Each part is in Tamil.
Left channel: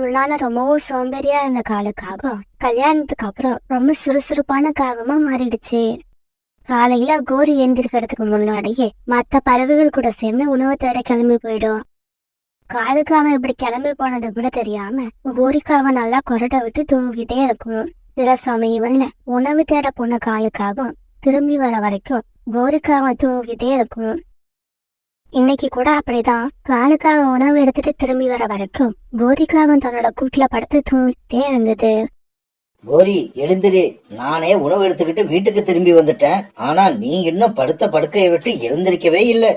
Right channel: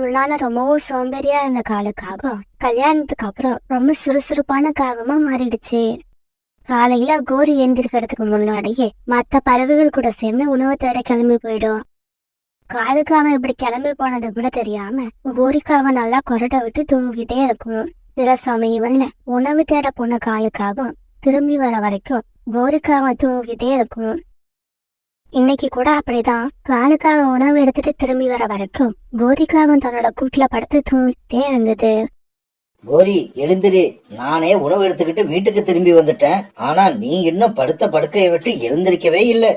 முன்னால ரொம்பவும் சோம்பேறியா இருந்த காலுக்காகவும் கல்யாணத்துக்கு அப்புறம் ரொம்ப சுறுசுறுப்பான காகமா மாறிடுச்சு. காலையில கோரி எந்திரிக்கிறதுக்கு முன்னாடியே மத்த பறவைகள் கூட சேர்ந்து உணவு தேட கிளம்பி போயிடும். காலுக்காக இப்படி கிளம்பி போனது கூட தெரியாம கோரிக்காக நல்லா கொரட்டை விட்டு தூங்கிட்டே இருக்கும். சில சமயங்கள்ல உணவு தேட போன காலுக்காகவும் திரும்பி வர வரைக்கும் கோரிக்காக தூங்கிட்டே இருக்கும். இன்னைக்கு கூட அப்படிதான். காலுக்காக உணவு எடுத்துட்டு திரும்பி வர வரைக்கும் கோரிக்காக தன்னோட கூட்டுல படுத்து தூங்கிட்டே இருந்தது. கோரி எழுந்திரு, நானே உணவு எடுத்துக்கிட்டு வீட்டுக்கு திரும்பி வந்துட்டேன். ஆனா நீ இன்னும் படுத்த படுக்கையை விட்டு எழுந்திருக்கவே இல்லை.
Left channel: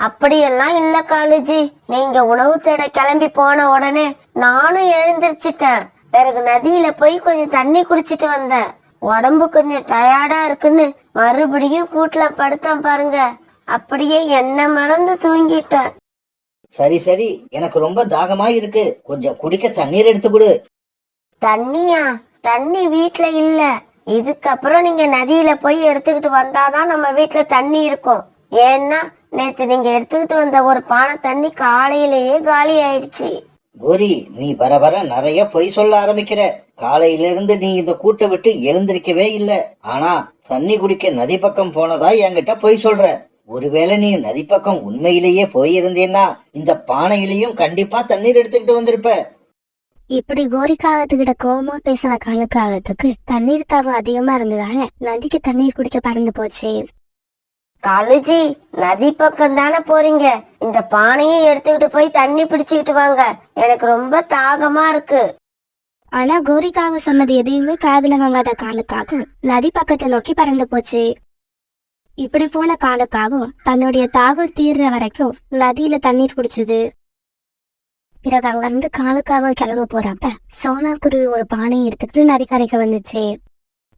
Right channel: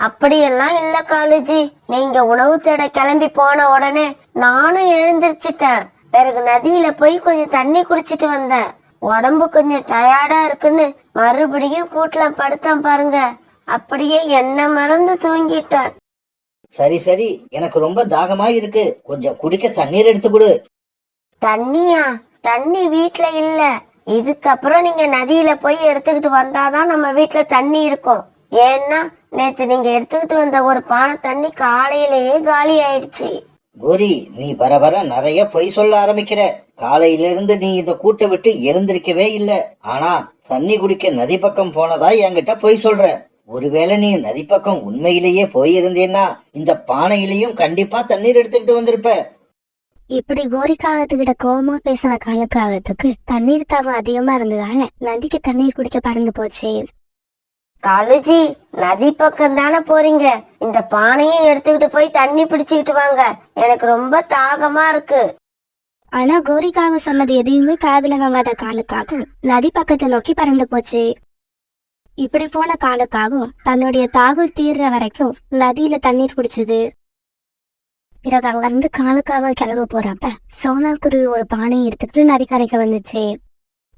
அப்படியெல்லாம் இல்ல காலுஜி, நீங்க உணவு தேட கிளம்பி போன உடனே நானும் எழுந்திருச்சிட்டேன். பிறகு நதியில போய் கொஞ்சம் தண்ணி குடிச்சிட்டு வந்தேன். உடம்பு கொஞ்சம் டயர்டா இருக்குன்னு மறுபடியும் கூட்டுல படுத்தேன் பாருங்க. அப்படியே என்ன மறந்து தூங்கிட்டேன். சரி சரி, எனக்கு ரொம்ப தாகமா இருக்கு, கொஞ்சம் குடிக்க தண்ணீர் எடுத்து கொடு. தண்ணியா? தண்ணி வீட்டுல இல்ல. இதுக்கப்புறம் நீங்க நதியில போய் எடுத்துக்கிட்டு வந்தாதான் நம்ம வீட்டுல தண்ணி இருக்கும். ஏன்னா நேத்து நீங்க எடுத்துக்கிட்டு வந்த ஒரு பானை தண்ணி காலையிலேயே காலி ஆயிடுச்சு. கோரி, நீ வர வர நிறைய பொய் சொல்ல ஆரம்பிக்கிற. காலையில இருந்து நீ இந்த கூட்டை விட்டு எழுந்திருக்கவே இல்ல. ஆனா தண்ணி குடிக்க நதி பக்கம் போனதா என்கிட்ட பொய் சொல்ற. ஒருவேளை நீ நதி பக்கம் உண்மையிலேயே போயிருந்தேன்னா இந்த பானையிலையும் கண்டிப்பா தண்ணீர் எடுத்துக்கிட்டு வந்திருப்ப. இப்படி கோரிக்காகத்துக்கிட்ட கோபமா பேசின காலுக்காகத்துக்கு தண்ணீர் தாகம் அதிகமா இருந்ததால நதிக்கு தண்ணீர் குடிக்க பறந்து போச்சு. காலுஜி, நதி பக்கம் தானே போறீங்க, இந்த பானையை எடுத்துக்கிட்டு போய் தண்ணி பிடிச்சுக்கிட்டு வாங்க, எனக்கு ரொம்ப தாகமா இருக்கு. ஆனா கோரிக்காக சொன்னது எதையுமே காதுல வாங்காத காலுக்காக நதி பக்கத்தை நோக்கி பறந்து போச்சு. இப்படி போன காலுக்காகவும் தன்னுடைய தாகம் தீர்ற வரைக்கும் நதியில தண்ணீர் குடிச்சது. பிறகு அங்கிருந்து காலுக்காக கிளம்ப போறப்ப சோனா குருவி ஒரு பானையை எடுத்துக்கிட்டு நதிக்கரைக்கு வந்துச்சு.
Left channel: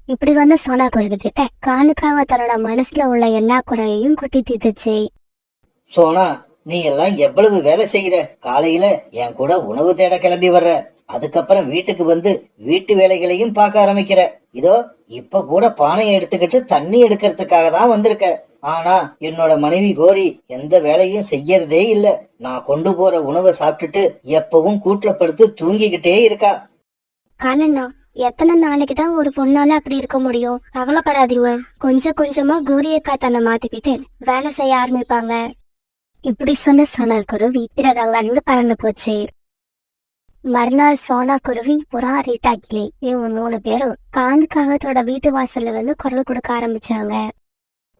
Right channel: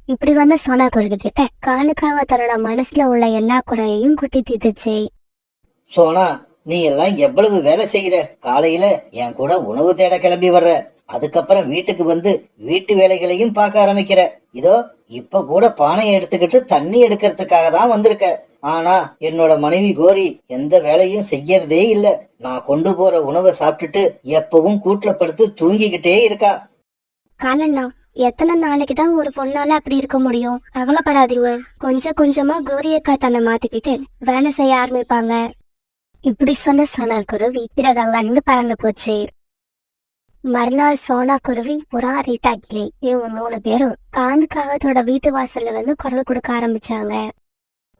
இப்படி வந்த சோனா குருவி கிட்ட காலுக்காக தன்னோட மனசுல உள்ள எல்லா குறையையும் கொட்டி தீர்த்துச்சு. சோனா, நீ எல்லாம் எவ்வளவு வேலை செய்யற. காலையில என் கூட உணவு தேட கிளம்பி வர்ற, அதுக்கப்புறம் வீட்டுக்கு வந்து வீட்டு வேலைகளையும் பார்க்க ஆரம்பிக்கிற. இதோ இப்ப கூட பானையை எடுத்துக்கிட்டு தண்ணி எடுக்கிறதுக்காக தான் வந்திருக்க. ஆனா என்னோட மனைவி கோரி எந்த வேலையும் செய்யறதே இல்ல. நான் கொண்டு போற உணவை சாப்பிட்டுட்டு எப்பவும் கூட்டுல படுத்து தூங்கிக்கிட்டே இருக்கா. காலண்ணா, எத்தனை நாளைக்கு தான் ஒரு பொண்ணால அப்படி இருக்க முடியும்? கவலைப்படாதீங்க, கொஞ்சம் கொஞ்சமா கோரியக்கா தன்னை மாத்திக்கிட்டு வேலை செய்ய ஆரம்பிப்பாங்க. இப்படி சொன்ன சோனா குருவி பிறகு அங்கிருந்து பறந்து போச்சு. மறுநாள் சோனா குருவி, புறா, ரீட்டா கிளி இவங்க 3 பேரும் காலுக்காகத்தோட வீட்டு வாசல்ல வந்து குரல் கொடுக்க ஆரம்பிச்சாங்க.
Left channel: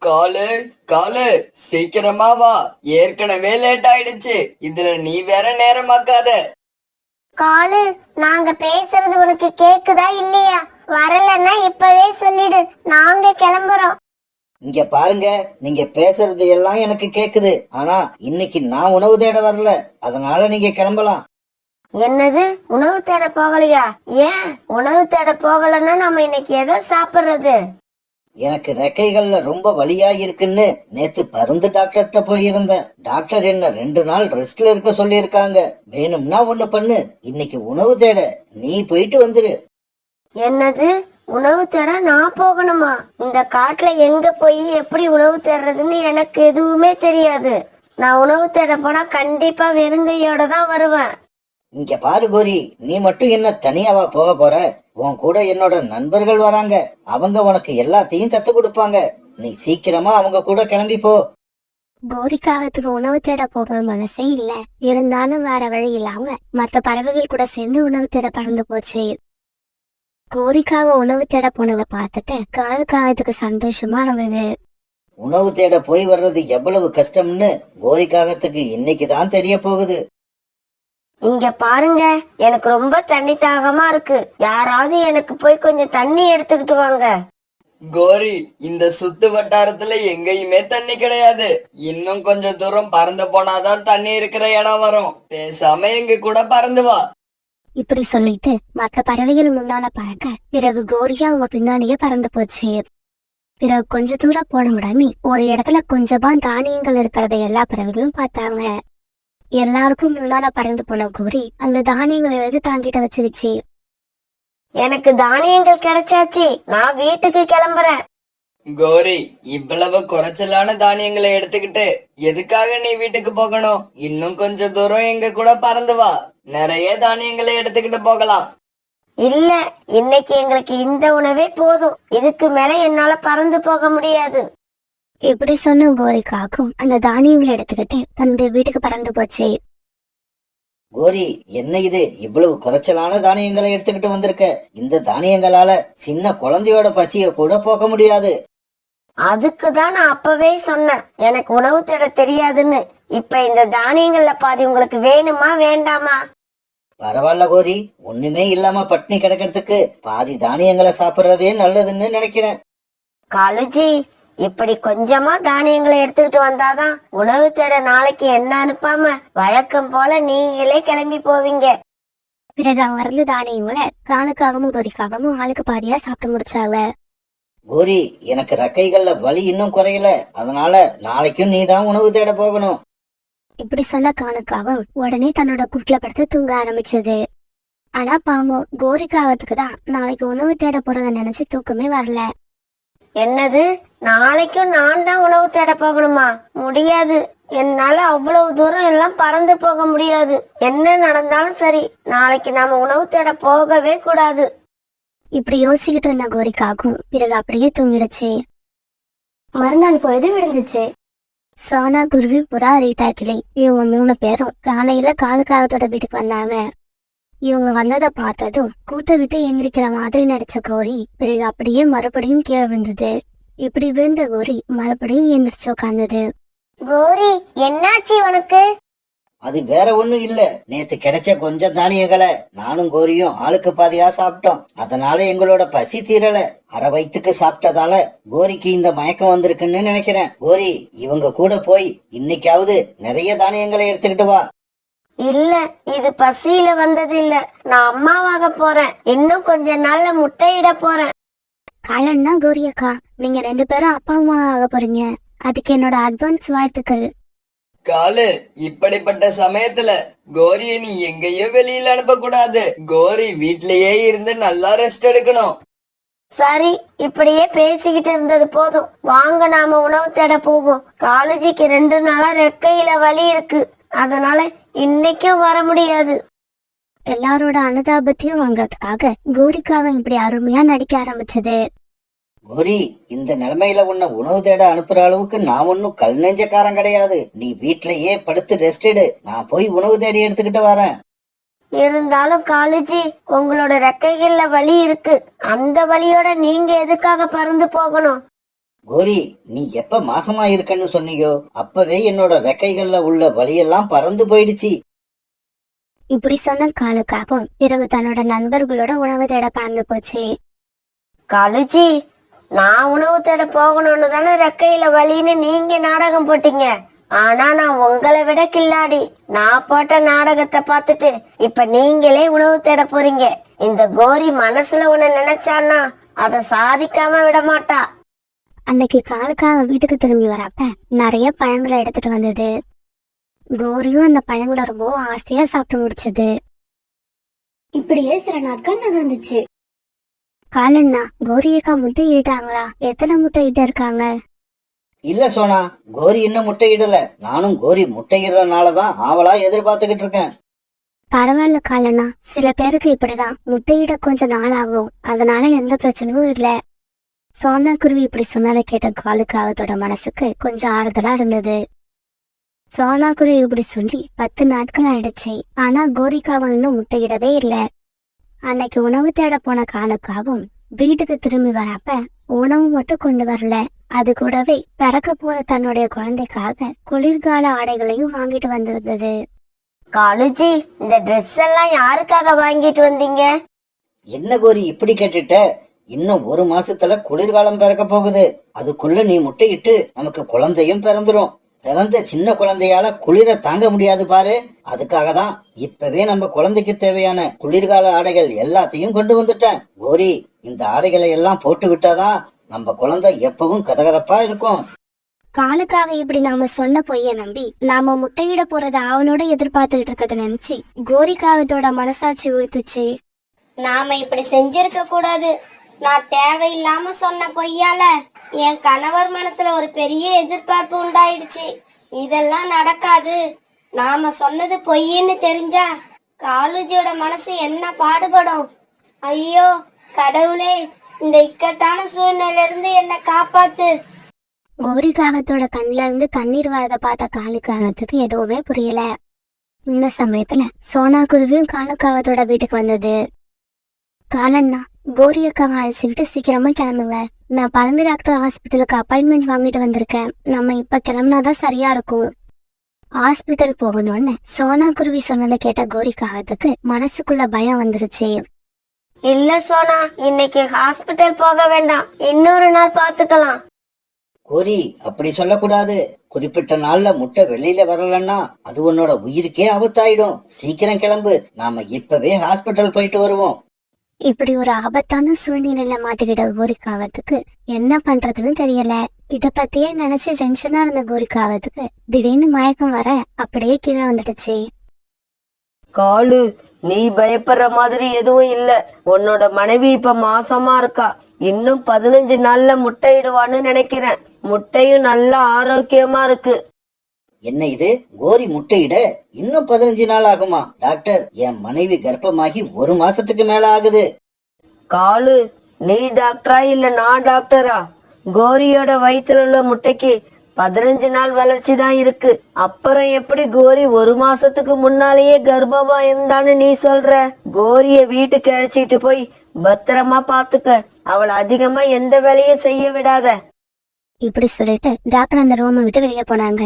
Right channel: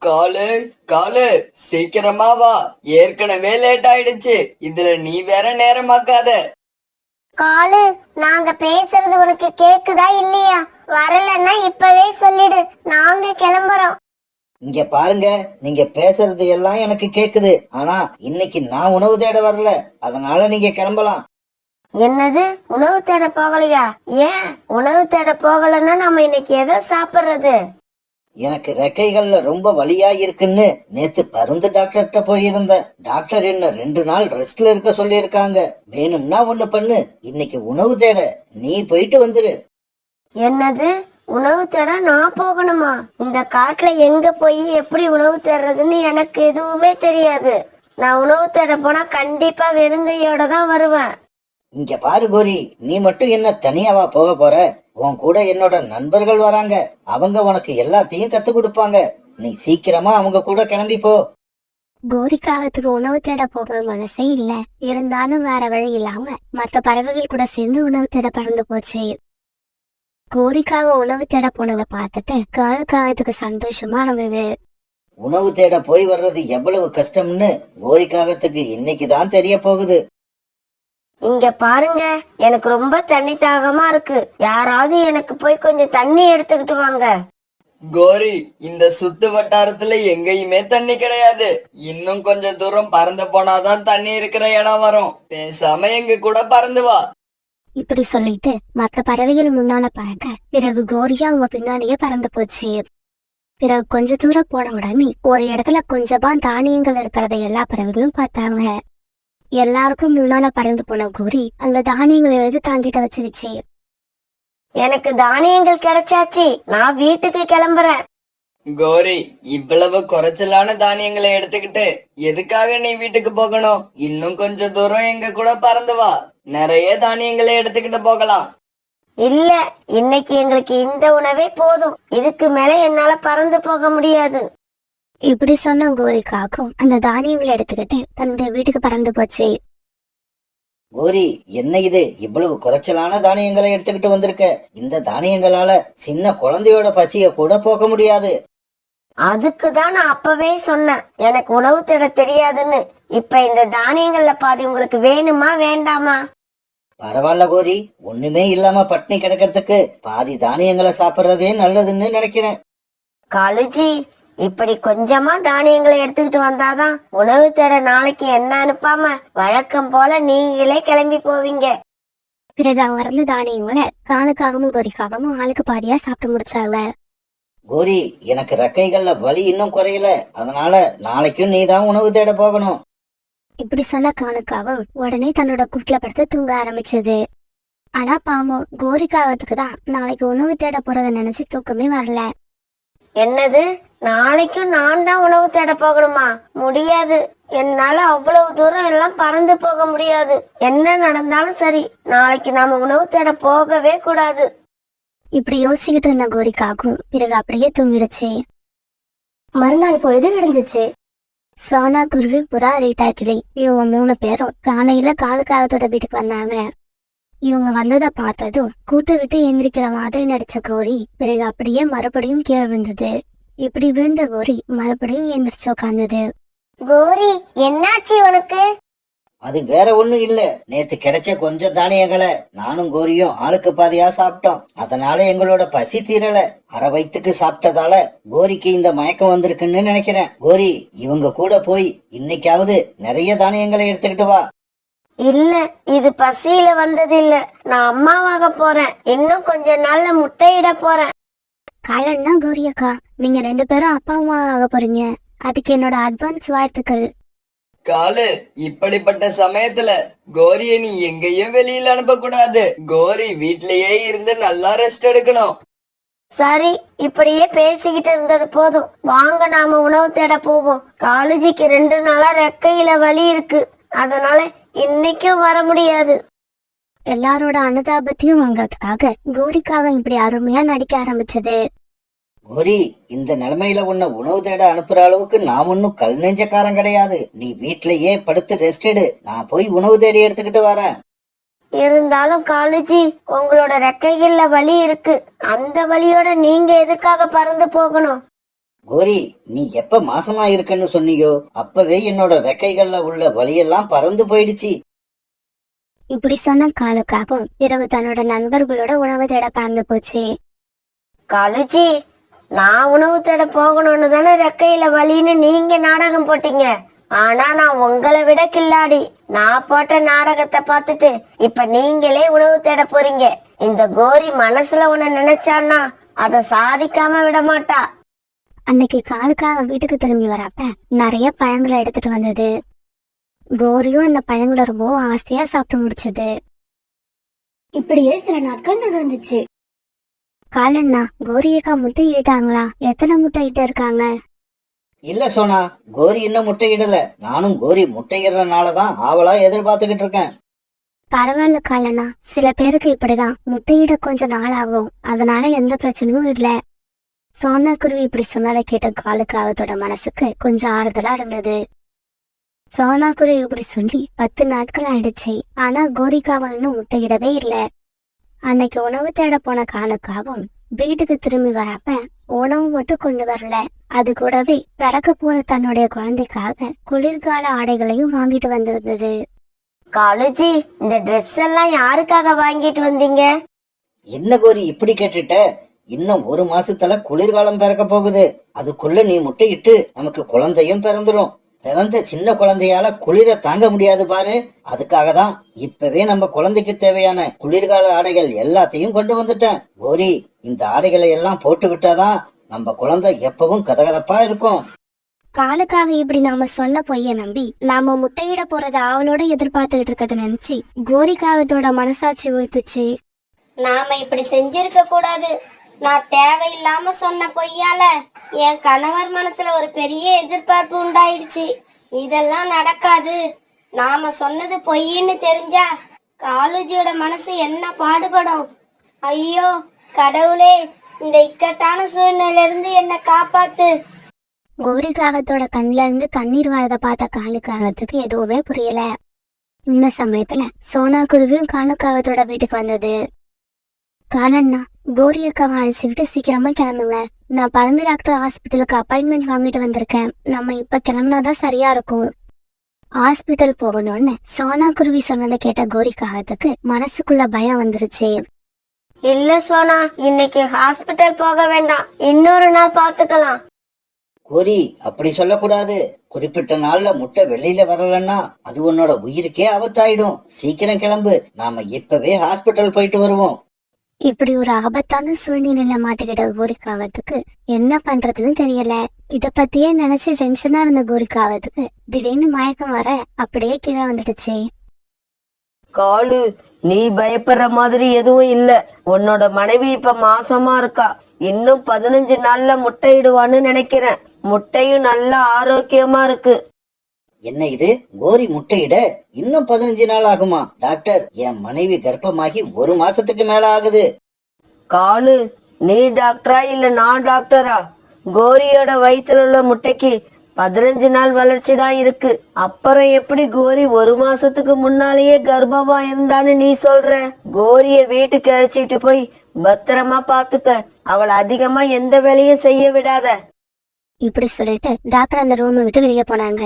காலு காலு, சீக்கிரமா வா, ஏற்கனவே லேட் ஆயிடுச்சு, இதுல நீ வேற நேரமாக்காத. காலு, நாங்க பேசுறது உனக்கு கேக்குதா இல்லையா? வரலன்னா இப்பவே சொல்லிடு, நாங்க கிளம்புறோம். இங்க பாருங்க, நீங்க பேசுறது எல்லாம் எனக்கு கேக்குது. ஆனா இன்னைக்கு நான் உணவு தேட வரல, அதனால நீங்க கிளம்பலாம். என்னது, உணவு தேட போகலையா? ஏன் உணவு தேட போகலன்னா நம்ம இன்னைக்கு எதை சாப்பிடுறது? எனக்கு ரெக்கைகள்ல ரொம்ப வலியா இருக்குன்னு நேத்து பருந்து டாக்டர்கிட்ட போயிருந்தேன். டாக்டர் என்ன 2 நாள் ரெஸ்ட்ல இருக்க சொல்லியிருக்காங்க. வேணும்னா ஒண்ணு பண்ணு, இன்னைக்கு உணவு தேட நீ போயிட்டு வந்துரு. என்னது, உணவு தேட நான் போகணுமா? இந்த காட்டுல எங்க போய் எப்படி உணவு தேடுறதுன்னு எனக்கு எதுவுமே தெரியாது. நான் உணவு தேட போனா கண்டிப்பா வெறுங்கையோட தான் வருவேன். இங்க பாரு கோரி, நீ மட்டும் என்ன தனியாவா போக போற? உன் கூட என்னோட நண்பர்கள் வராங்க. அவங்க உனக்கு எல்லாத்தையும் கத்து கொடுப்பாங்க. நீ சீக்கிரமா அவங்க கூட கிளம்பி போ. கோரிக்காகத்துக்கு உணவு தேட போக மனசே இல்ல. இருந்தாலும் வேற வழி இல்லாம மத்த பறவைகள் கூட சேர்ந்து உணவு தேட பறந்து போச்சு. கோரிக்காக உணவு தேட போனதை பார்த்துட்டு காலுக்காகத்துக்கு சந்தோஷமா இருந்தது. உணவு தேட போய் வர்றது எவ்வளவு கஷ்டம்னு கோரிக்காகத்துக்கு இன்னைக்குதான் தெரிய போகுது. இங்க பாருங்க, எனக்கு ரொம்ப தண்ணி தாகமா இருக்கு. யாராவது எனக்கு போய் கொஞ்சம் தண்ணி எடுத்துக்கிட்டு வாங்க. கோரி, இந்த சுத்து வட்டாரத்துல எங்கேயுமே தண்ணி கிடையாது. இன்னும் கொஞ்சம் தூரம் பறந்து போனாதான் தண்ணி இருக்கிற இடம் வரும். பேசாம எங்க கூட பறந்து வா. இப்படி சொல்லிட்டு மத்த பறவைகள் முன்னால பறக்க பிறகு கோரியா அவங்க பின்னாடியே பறந்து போச்சு. பிறகு கொஞ்ச தூரம் போன உடனே ஒரு இடத்துல கொஞ்சமா தானியங்கள் இருக்கிறத எல்லா பறவைகளும் பார்த்தாங்க. எல்லாருக்கும் முன்னால பறந்து போன கோரி அந்த தானியங்களை எடுத்து தாங்கிட்ட வச்சிருச்சு. எனக்கு தானியங்கள் கிடைச்சாச்சு, நான் வீட்டுக்கு கிளம்புறேன். கோரி, இவ்வளவு குறைச்சலான தானியங்களை எடுத்துக்கிட்டு எதுக்காக நீ வீட்டுக்கு போகணும்? இன்னும் கொஞ்சம் தூரம் எங்க கூட பறந்து வா. நிறைய தானியங்களை எடுத்துக்கிட்டு போகலாம். இல்ல, இன்னைக்கு எங்களுக்கு இந்த உணவே போதும். இதுக்கு மேல என்னால பறந்து போக முடியாது. இப்படி சொன்ன கோரிக்காக்கும் அந்த தானியங்களை எடுத்துக்கிட்டு தன்னுடைய வீட்டுக்கு பறந்து போச்சு. கோரி, என்ன இது இவ்வளவு குறைச்சலான தானியங்களை எடுத்துக்கிட்டு வந்திருக்க? இந்த தானியங்களால சின்ன குழந்தையோட பசிய கூட போக்க முடியாது. அதுக்குதான் நான் அப்பவே சொன்னேன் எனக்கு உணவு தேட தெரியாதுன்னு. இப்ப இந்த தானியங்கள்ல பாதி உங்களுக்கு வேணுமா வேண்டாமா? பரவாயில்ல கோரி, ஒண்ணுமே இல்லாம பட்னி கிடக்கிறதுக்கு பாதி தானியங்களை சாப்பிடுறதே நல்லதுன்னு நினைக்கிறேன். காலுஜி, இப்படி கொஞ்சமா தானியங்களை எடுத்துக்கிட்டு வந்தாதான் உணவு தேட நாளைக்கு என்ன அனுப்பாம வழக்கம் போல நீங்களே கிளம்பி போவீங்க. பிறகு அங்க இருந்த தானியங்களை காலுக்காகவும் கோரிக்காகவும் ஆளுக்கு பாதியா சாப்பிட்டு முடிச்சாங்க. கோரி, எனக்கு ரெக்கைகள்ல வலி இன்னும் குறையல, அதனால நாளைக்கும் நீதான் உணவு தேட போகணும். இப்படி சொன்ன காலுக்காவும் உடனே தன்னோட கூட்டுல படுத்து தூங்க ஆரம்பிச்சது. ஆனா பாவம் கோரிக்காவத்துக்கு தான் நாளைக்கு உணவு தேட போறத நினைச்சு தூக்கமே வரல. என்னது, நாளைக்கும் நான் தான் உணவு தேட போகணுமா? முடியாது, என்னால அவ்வளவு தூரம் எல்லாம் பறந்து போக முடியாது. என்ன நடந்தாலும் சரி, நாளைக்கு நாம உணவு தேட போகவே கூடாது. இப்படி யோசிச்சுக்கிட்டு இருந்த கோரிக்காகும் பிறகு அப்படியே தூங்கிடுச்சு. மறுநாள் பொழுது விடிஞ்சிச்சு. சோனா, குருவி, புறா, ரீட்டா கிளி இவங்க 3 பேரும் காலையில காலுக்காகத்தோட வீட்டுக்கு வந்தாங்க. இவங்க வந்ததை பார்த்ததும் கூட்ட விட்டு எந்திரிக்கிற மாதிரி நடிச்ச கோரி பிறகு அப்படியே மறுபடியும் கீழே விழுந்தது. இப்படி விழுந்த கோரி மறுபடியும் எந்திரிச்சு உட்கார்ந்தது. கோரி, என்னாச்சு உனக்கு? அது வேற ஒண்ணும் இல்ல, நேத்து கிடைச்ச கொஞ்சம் தானியங்களை நானும் கோரியும் ஆளுக்கு பாதியா சாப்பிட்டோம். அதனால எங்களோட பசி தீரல. அரை வயித்துக்கு சாப்பிட்டதால கோரிக்கு இந்த மயக்கம் வந்திருக்குன்னு நினைக்கிறேன். கோரி, இவங்க கூட போய் இன்னைக்காவது நிறைய தானியங்களை எடுத்துக்கிட்டு வா. இல்ல, இது பசியில வந்தது இல்ல. நான் அம்மாவாக போறேன். இன்னும் கொஞ்ச நாள்ல முட்டையிட போறேன். காலன்னா கோரி அக்கா, நீங்க 2 பேரும் அப்பா அம்மா ஆக போறீங்க. அதுக்கு என்னோட அட்வான்ஸ் வாழ்த்துக்கள். காலு, இப்படிப்பட்ட சமயத்துல கோரிய நீ எங்கேயும் வெளியில அனுப்ப கூடாது. கோரி வீட்லயே இருந்து நல்லா ரெஸ்ட் எடுக்கணும். சரி, இப்படியே பேசிக்கிட்டு இருந்தது போதும். வாங்க நாம உணவு தேட போவோம். காலேஜுக்கு 2 நாளா ரெக்கையில வலி இருக்கு. அதனால இன்னைக்கும் வர முடியாது. எல்லாரோட அனுதாபத்தையும் வாங்கறதுக்காக கோரிக்காவை இப்படி அருமையா நடிக்க ஆரம்பிச்சது. கோரி, இந்த நிலைமையில உன்னை உணவு தேட அனுப்புற அளவுக்கு நான் ஒன்னும் கல் நெஞ்சக்காரன் கிடையாது. நீ வீட்லயே படுத்து ரெஸ்ட் எடு, நான் போய் உணவு தேடி எடுத்துக்கிட்டு வரேன். இருந்தாலும் காலேஜி, உங்களோட ரெக்கைகள்ல வலி இருக்கு. அந்த வலியோட நீங்க எதுக்காக பறந்து போகணும்? கோரி, நீ எப்ப மாசமா இருக்கன்னு சொன்னியோ அப்பவே என்னோட ரெக்கைகள்ல உள்ள வலியெல்லாம் பறந்து போயிடுச்சு. இப்படி சொன்ன காலுக்காகவும் பிறகு தன்னோட நண்பர்களோட உணவு தேட பறந்து போச்சு. காலேஜி, நான் உணவு தேட போகணும்னு தானே ரெக்கையில வலின்னு நீங்க நாடகம் போட்டீங்க. ஆனா நான் உங்களை விட கில்லாடி. நான் போட்ட நாடகத்தை பார்த்துட்டு இப்ப நீங்களே உணவு தேட போறீங்க. இந்த கோரி மனசுல உன்னை நினைச்சான்னா அதை சாதிக்காம விட மாட்டா. அன்னைக்கு காலுக்காக வீட்டுக்கு திரும்பி வரப்ப நிறைய பழங்களை எடுத்துட்டு வந்தது. கோரியும் அந்த பழங்களை ரொம்ப ஆசையா சாப்பிட்டு முடிச்சது. இப்படியே சில நாட்கள் நகர்ந்துச்சு. காலண்ணா, கோரியக்கா முட்டை ஈட்டாங்களா? எத்தனை முட்டை இட்டு இருக்காங்க? இல்ல சோனா, கோரி இன்னும் முட்டையிடல. நானும் கோரி முட்டையிடுறதுனாலதான் ஆவலா எதிர்பார்த்துக்கிட்டு இருக்கேன். பரவாயில்ல காலண்ணா, சில பேருக்கு இப்படிதான் முட்டையிட கொஞ்சம் நாள் ஆகும். அதனால எந்த பிரச்சனையும் இல்ல. சோனா குருவி இப்படி சொன்னதை கேட்ட காலுக்காகத்தோட மனசுக்கு கொஞ்சம் ஆறுதலா இருந்தது. சோனா குருவி இப்படி சொல்லி 10 நாட்கள் ஆயிடுச்சு. ஆனா கோரிக்காவும் இன்னும் முட்டையிடவே இல்ல. அன்னைக்கு உணவு தேட போன காலுக்காகவும் வீட்டுக்கு திரும்பி வரப்ப உணவு மட்டும் கொண்டு வரல, அது கூடவே பிறக்க போற தன்னுடைய குழந்தைக்காக குளிர்கால ஆடைகளையும் வாங்கிட்டு வந்திருந்தது. காலேஜி, இந்த ட்ரெஸ் எல்லாம் யாருக்காக வாங்கிட்டு வந்தீங்க? என்ன கோரி இப்படி கேட்டுட்ட? இன்னும் 1 மாசத்துல குளிர்காலம் பிறக்க போகுது. அதுக்குள்ள நீ முட்டையிட்டு நமக்கு குழந்தையும் பிறந்துரும். பிறந்த சின்ன குழந்தையால குளிர தாங்க முடியாது பாரு. அதுக்காக தான் இப்பவே நம்ம குழந்தைக்கு தேவையான குளிர்கால ஆடைகள் எல்லாத்தையும் கொண்டு வந்துட்டேன். கோரி, இந்த ஆடைகளை எல்லாம் போட்டு விட்டாதான் நம்ம குழந்தை எப்பவும் கதகதப்பா இருக்கும். காலுக்காக இப்படி நாம சொன்ன பொய்ய நம்பி நாம முட்டையிட போறத அவனோட எதிர்பார்த்துட்டு இருக்கத நினைச்சு கோரிக்காவத்தோட மனசாட்சி ஊத்துச்சு. நாம இப்படி செஞ்சிருக்க கூடாது. நான் தேவையில்லாம சொன்ன பொய்யால என் கணவர் மனசுல ஒரு பெரிய எதிர்பார்ப்பு உண்டாயிடுச்சு. இதெல்லாம் நடக்காது. நாம சொன்னது பொய்ன்னு தெரிஞ்சா காலுஜியோட மனசு என்ன பாடுபடும். ஐயோ கடவுளே, இந்த இக்கட்டான சூழ்நிலையில இருந்து என்ன காப்பாத்து. கோரி காகத்தோட கண்ணுல இருந்து கண்ணீர் வரத பார்த்த காலுக்காகத்துக்கு எதுவுமே புரியல. இந்த சமயத்துல சோனா குருவியும் காலுக்காகத்தோட வீட்டுக்கு வந்தது. காலண்ணா, கோரி அக்காவை அழைச்சிக்கிட்டு சீக்கிரமா கிளம்புங்க. நான் பருந்து டாக்டர் ஹாஸ்பிட்டலுக்கு அப்பாயின்மெண்ட் வாங்கிட்டு வந்திருக்கேன். நம்ம இப்ப கிளம்புனாதான் சரியா இருக்கும். ஹாஸ்பிட்டல் போகணும்னு சோனா குருவி சொன்னதை கேட்ட கோரி காகத்துக்கு மனசுக்குள்ள பயம் வந்துருச்சு. இல்ல சோனா, இன்னைக்கு ஹாஸ்பிட்டல் போக வேண்டாம், இன்னொரு நாள் பாத்துக்கலாம். கோரி, அப்படி சொல்லக்கூடாது. குறிப்பிட்ட நாள்ல முட்டை வெளியில வரலன்னா அது உன்னோட உயிருக்கே ஆபத்தாயிடும். சீக்கிரம் கிளம்பு, நாம இப்பவே ஹாஸ்பிட்டல் போயிட்டு வருவோம். இப்படி ஒரு ஆபத்தான சூழ்நிலையில மாட்டிக்கிட்ட கோரிக்காவத்துக்கு என்ன பண்றதுன்னு தெரியல. இத பத்தியே நினைச்சு டென்ஷனா இருந்த கோரிக்காவத்துக்கு திடீர்னு மயக்கம் வர அப்படியே கீழே வந்துடுச்சு. காலு, நீ பயப்படுற மாதிரி எதுவும் இல்ல. உன்னோட மனைவி இப்ப மாசமா இருக்கா. இன்னும் 15 நாள்ல முட்டையிடுவான்னு நினைக்கிறேன். முட்டையும் நல்ல ஆரோக்கியமா இருக்கு. என்ன இது, கோரி முட்டையிட இன்னும் 15 நாள் ஆகுமா? டாக்டர், என் மனைவி கர்ப்பமாகி 1 மாசத்துக்கு மேல ஆகுது. காலு, நீ டாக்டரா இல்ல நான் டாக்டரா? கோரியோட வயித்துல உள்ள முட்டைக்கு 15 நாள் வளர்ச்சி தான் இருக்கு. அப்புறம் எப்படி கோரி 1 மாசத்துக்கு முன்னாலேயே கர்ப்பமா இருந்தான்னு நீ சொல்ற? கோரிய வீட்டுக்கு அழைச்சிட்டு போய் பத்திரமா பாத்துக்க. அவளை அதிகமா எந்த வேலையும் செய்ய விடாத. இப்படி சொல்லிட்டு டாக்டர் அந்த ரூமை விட்டு வெளியே போனாங்க.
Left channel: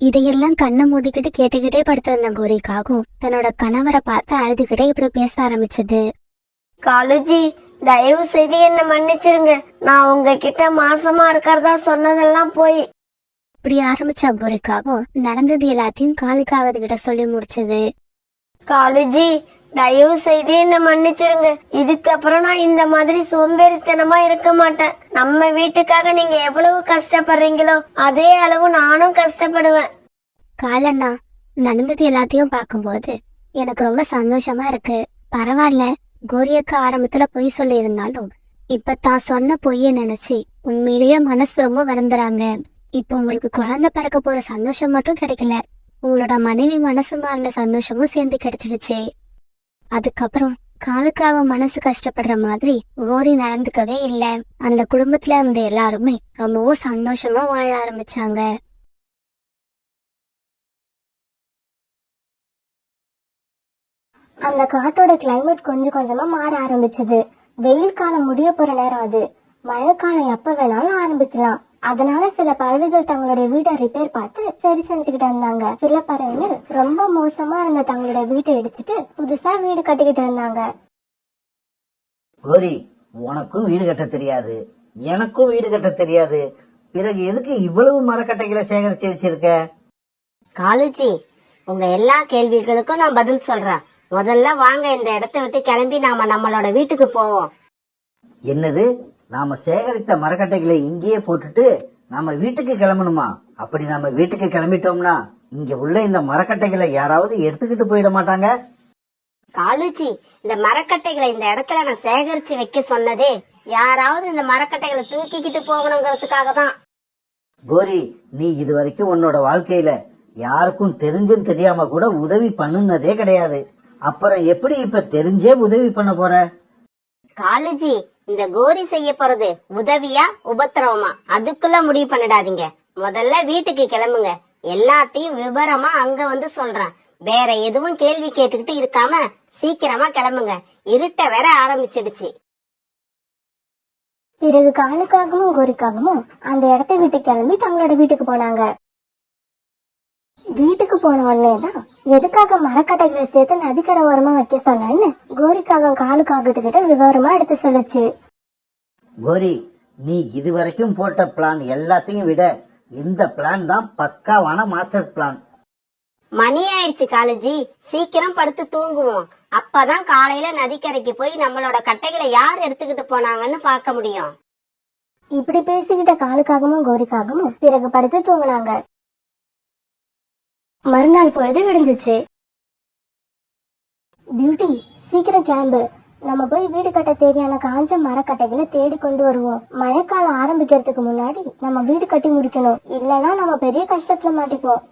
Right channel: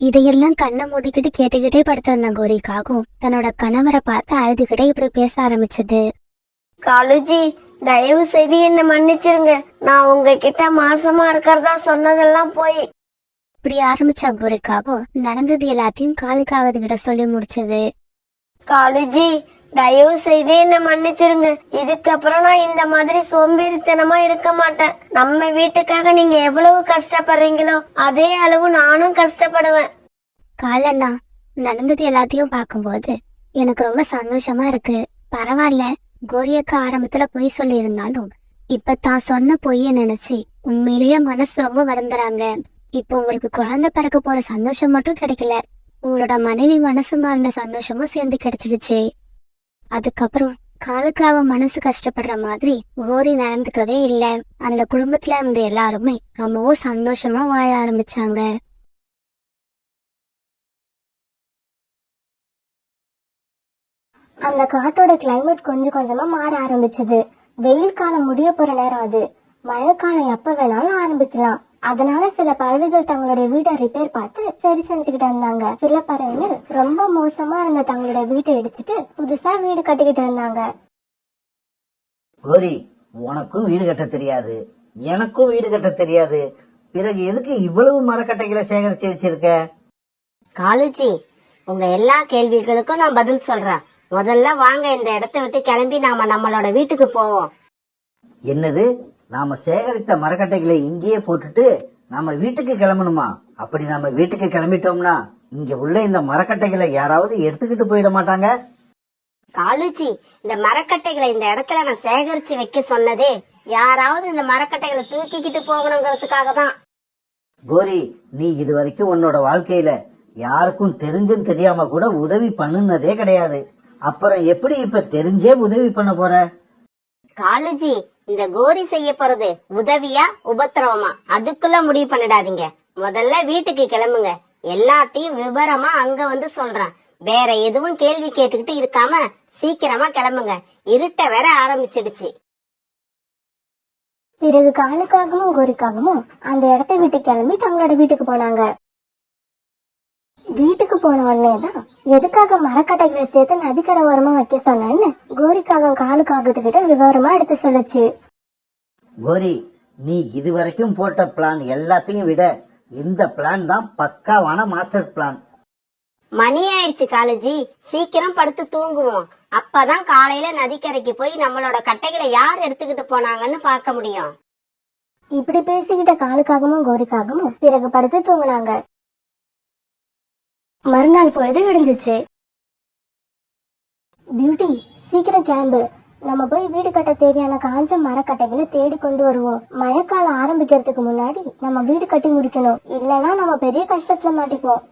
இதையெல்லாம் கண்ணை மூடிக்கிட்டு கேட்டுக்கிட்டே படுத்திருந்த கோரிக்காகவும் தன்னோட கணவரை பார்த்து அழுதுகிட்டே இப்படி பேச ஆரம்பிச்சது. காலுஜி, தயவு செய்து என்ன மன்னிச்சிருங்க. நான் உங்ககிட்ட மாசமா இருக்கிறதா சொன்னதெல்லாம் போய். இப்படி ஆரம்பிச்ச கோரிக்காகவும் நடந்தது எல்லாத்தையும் காலுக்காகத்துக்கிட்ட சொல்லி முடிச்சது. காலுஜி, தயவு செய்து என்ன மன்னிச்சிருங்க. இதுக்கப்புறம் நான் இந்த மாதிரி சோம்பேறித்தனமா இருக்க மாட்டேன். நம்ம வீட்டுக்காக நீங்க எவ்வளவு கஷ்டப்படுறீங்களோ அதே அளவு நானும் கஷ்டப்படுவேன். காலண்ணா, நடந்தது எல்லாத்தையும் பார்க்கும்போது எனக்கு ரொம்ப சந்தோஷமா இருக்கு. பரவாயில்ல, கோரியக்கா ஆரம்பத்துல பொய் சொல்லி இருந்தாலும் இப்ப தான் சொன்ன பொய்ய நினைச்சு உண்மையிலேயே மனசு ரொம்ப வருந்துறாங்க. இப்ப உங்களுக்கு குழந்தை பிறக்க போற சந்தோஷம் மட்டும் கிடைக்கல, உங்களோட மனைவி மனசு மாறின சந்தோஷமும் சேர்ந்து கிடைச்சிடுச்சு. அதுக்கப்புறம் காலுக்காக மனசு கஷ்டப்படுற மாதிரி கோரி நடந்துக்கவே இல்ல. அந்த குடும்பத்துல இருந்த எல்லாருமே ரொம்பவும் சந்தோஷமா வாழ ஆரம்பிச்சாங்க. அந்த காட்டோட கிளைமேட் கொஞ்சம் கொஞ்சமா மாற ஆரம்பிச்சது. வெயில் காலம் முடிய போற நேரம் அது. மழைக்காலம் எப்ப வேணாலும் ஆரம்பிக்கலாம். அதனால சில பறவைகள் தங்களுடைய வீட்டை ரிப்பேர் பார்த்து சரி செஞ்சுக்கிட்டு இருந்தாங்க. சில பறவைகள் ரொம்ப மோசமா இருந்த தங்களுடைய வீட்டை இடிச்சிட்டு புதுசா வீடு கட்டிக்கிட்டு இருந்தாங்க. கோரி, உனக்கும் வீடு கட்ட தெரியாது, எனக்கும் வீடு கட்ட தெரியாது. பிறகு எதுக்கு இவ்வளவு மரக்கட்டைகளை சேகரிச்சு வச்சிருக்க? காலுஜி, உங்க எல்லா கேள்விகளுக்கும் நான் பதில் சொல்றேன். முதல்ல வாங்க இந்த இடத்த விட்டு கிளம்பி நாம நம்மளோட வீட்டுக்கு போவோம். என்னது, நாம சேகரித்த மரக்கட்டைகளை இங்கேயே போட்டுட்டு நம்ம வீட்டுக்கு கிளம்பணுமா? அப்படி நம்ம வீட்டுக்கு கிளம்பிட்டோம்னா இங்க உள்ள இந்த மரக்கட்டைகளை யாராவது எடுத்துக்கிட்டு போயிட மாட்டாங்க? காலுஜி, இந்த மரக்கட்டைகளை இந்த இடத்துல நான் சேகரிச்சு வைக்க சொன்னதே யாராவது இந்த மரக்கட்டைகளை தூக்கிக்கிட்டு போகணுங்கிறதுக்காக தான். கோரி, நீ இது வரைக்கும் உன்னோட வாழ்க்கையில யாருக்கும் தெரிஞ்சும் தெரியாம கூட உதவி பண்ணுனதே கிடையாது. அப்புறம் எப்படி இப்ப தெரிஞ்சே உதவி பண்ண போற? காலுஜி, இந்த கோரி செய்ய போறது உதவியா உபத்திரவமா அதுக்குள்ள முடிவு பண்ணிடாதீங்க. முதல்ல வீட்டுக்கு கிளம்புங்க. எல்லாத்தையும் விவரமா அங்க வந்து சொல்றேன். வேற எதுவும் கேள்வி கேட்டுக்கிட்டு இருக்காம சீக்கிரமா கிளம்புங்க. இருட்ட வேற ஆரம்பிச்சிடுச்சு. பிறகு காலுக்காகவும் கோரிக்காகவும் அந்த இடத்த விட்டு கிளம்பி தங்களோட வீட்டுக்கு போனாங்க. வீட்டுக்கு போன உடனேதான் எதுக்காக மரக்கட்டைகளை சேர்த்து நதிக்கரை ஓரமா வைக்க சொன்னேன்னு கோரிக்காகம் காலுக்காகத்துக்கிட்ட விவரமா எடுத்து சொல்லுச்சு. கோரி, நீ இதுவரைக்கும் போட்ட பிளான் எல்லாத்தையும் விட இந்த பிளான் தான் பக்காவான மாஸ்டர் பிளான். மணி ஆயிடுச்சு காலுஜி, சீக்கிரம் படுத்து தூங்குவோம். அப்பதான் காலையில நதிக்கரைக்கு போய் நம்மளோட கட்டைகளை யார் எடுத்துக்கிட்டு போனாங்கன்னு பார்க்க முடியும். இப்படி பேசிக்கிட்ட காலுக்காகவும் கோரிக்காகவும் பிறகு படுத்து தூங்கினாங்க. மறுநாள் பொழுது விடிஞ்சிச்சு. பியூட்டி, சீக்கிரம் கிளம்பு. நம்ம போய் வீடு கட்ட தேவையான காஞ்ச மரக்கட்டைகளை தேடி கொண்டு வருவோம். மழைக்காலம் ஆரம்பிக்கிறதுக்கு முன்னாடி நம்ம வீடு கட்டி முடிக்கணும். இல்லைன்னா நம்ம பெரிய கஷ்டத்துல மாட்டிப்போம்.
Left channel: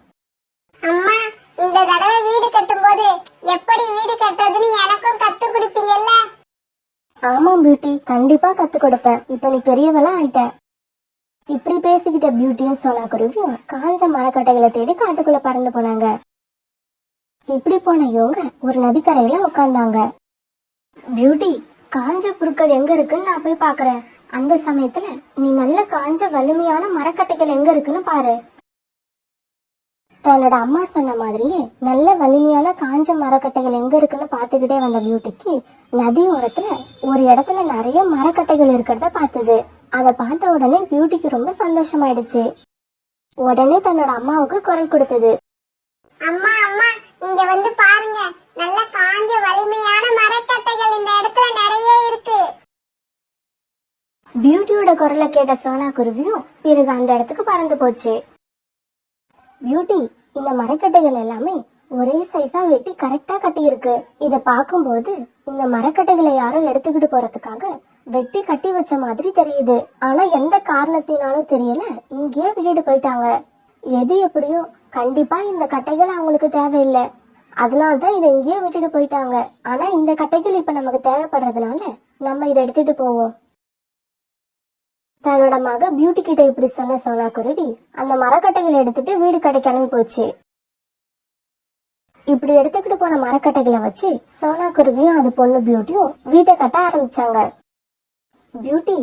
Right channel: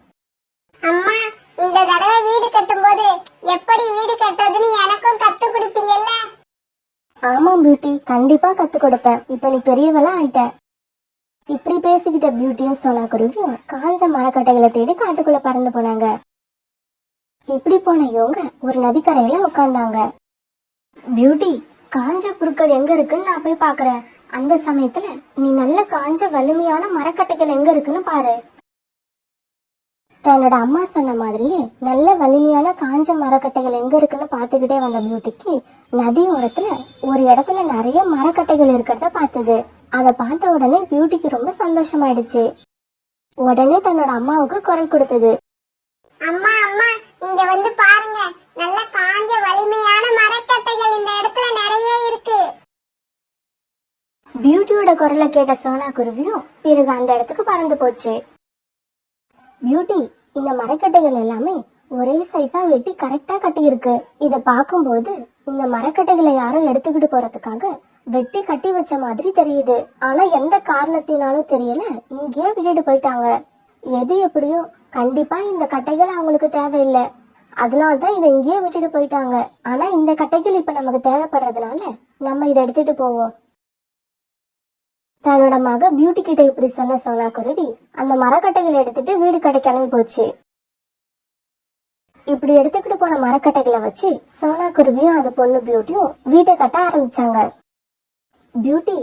அம்மா, இந்த தடவை வீடு கட்டும் போது எப்படி வீடு கட்டுறதுன்னு எனக்கும் கத்து கொடுப்பீங்கல்ல? ஆமா பியூட்டி, கண்டிப்பா கத்து கொடுப்பேன். இப்ப நீ பெரியவளா ஆயிட்ட. இப்படி பேசிக்கிட்ட பியூட்டியும் சோனா குருவியும் காஞ்ச மரக்கட்டைகளை தேடி காட்டுக்குள்ள பறந்து போனாங்க. இப்படி போன இவங்க ஒரு நதிக்கரையில உட்கார்ந்தாங்க. பியூட்டி, காஞ்ச புற்கள் எங்க இருக்குன்னு நான் போய் பாக்குறேன். அந்த சமயத்துல நீ நல்ல காஞ்ச வலிமையான மரக்கட்டைகள் எங்க இருக்குன்னு பாரு. தன்னோட அம்மா சொன்ன மாதிரியே நல்ல வலிமையான காஞ்ச மரக்கட்டைகள் எங்க இருக்குன்னு பாத்துக்கிட்டே வந்த பியூட்டிக்கு நதி ஓரத்துல ஒரு இடத்துல நிறைய மரக்கட்டைகள் இருக்கிறத பார்த்தது. அதை பார்த்த உடனே பியூட்டிக்கு ரொம்ப சந்தோஷமாயிடுச்சு. உடனே தன்னோட அம்மாவுக்கு குரல் கொடுத்தது. அம்மா அம்மா, இங்க வந்து பாருங்க, நல்ல காஞ்ச வலிமையான மரக்கட்டைகள் இந்த இடத்துல நிறைய இருக்கு. பியூட்டியோட குரலை கேட்ட சோனா குருவியும் பிறகு அந்த இடத்துக்கு பறந்து போச்சு. பியூட்டி, இந்த மரக்கட்டைகள் எல்லாமே ஒரே சைஸா வெட்டி கரெக்டா கட்டி இருக்கு. இத பார்க்கும்போது இந்த மரக்கட்டைகளை யாரும் எடுத்துக்கிட்டு போறதுக்காக வெட்டி கட்டி வச்ச மாதிரி தெரியுது. ஆனா எந்த காரணத்தினாலும் தெரியல, இங்கேயே விட்டுட்டு போயிட்டாங்க. எது எப்படியோ கண்டிப்பா இந்த கட்டைகள் அவங்களுக்கு தேவையில்லை, அதனால்தான் இதை இங்கேயே விட்டுட்டு போயிட்டாங்க. ஆனா இந்த கட்டைகள் இப்ப நமக்கு தேவைப்படுறதுனால நம்ம இதை எடுத்துட்டு போவோம். தன்னோட மக பியூட்டி கிட்ட இப்படி சொன்ன சோனா குருவி அந்த மரக்கட்டைகளை எடுத்துட்டு வீடு கடை கிளம்பி போச்சு. இப்படி எடுத்துக்கிட்டு போன மரக்கட்டைகளை வச்சு சோனா குருவியும் அது பொண்ணு பியூட்டியும் வீட்டை கட்ட ஆரம்பிச்சாங்க. பியூட்டி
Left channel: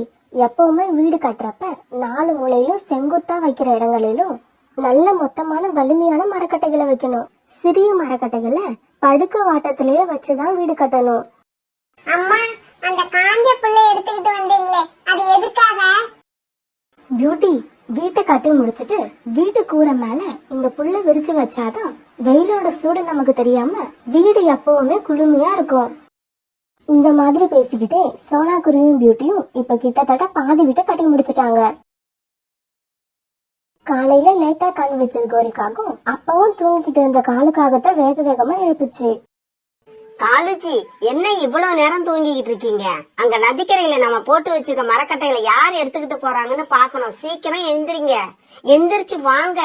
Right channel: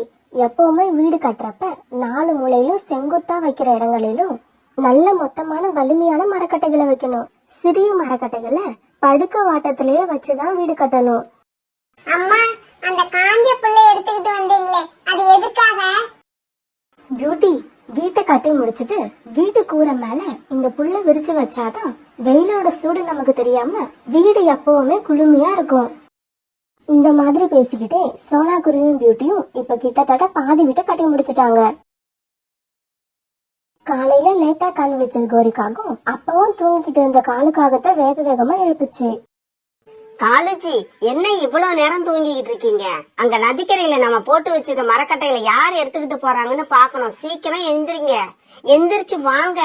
எப்பவுமே வீடு கட்டுறப்ப 4 மூலையிலும் செங்குத்தா வைக்கிற இடங்களிலும் நல்ல மொத்தமான வலிமையான மரக்கட்டைகளை வைக்கணும். சிறிய மரக்கட்டைகளை படுக்க வாட்டத்திலேயே வச்சுதான் வீடு கட்டணும். அம்மா, அந்த காஞ்ச புல்லை எடுத்துக்கிட்டு வந்தீங்களே, அது எதுக்காக? பியூட்டி, வீட்டை கட்டி முடிச்சிட்டு வீட்டு கூரை மேல இந்த புல்லை விரிச்சு வச்சாதான் வெயிலோட சூடு நமக்கு தெரியாம வீடு எப்பவுமே குளுமையா இருக்கும். இந்த மாதிரி பேசிக்கிட்டே சோனா குருவியும் பியூட்டியும் இப்ப கிட்டத்தட்ட பாதி வீட்டை கட்டி முடிச்சிட்டாங்க. காலையில லேட்டா கண் வச்சது கோரிக்காகும் அப்பவும் தூங்கிக்கிட்டு இருந்த காலுக்காகத்தான் வேக வேகமா எழுப்புச்சு. காலுஜி, என்ன இவ்வளவு நேரம் தூங்கிக்கிட்டு இருக்கீங்க? அங்க நதிக்கரையில நம்ம போட்டு வச்சிருக்க மரக்கட்டைகளை யார் எடுத்துக்கிட்டு போறாங்கன்னு பாக்கணும். சீக்கிரம் எந்திரிங்க, எந்திரிச்சு வாங்க.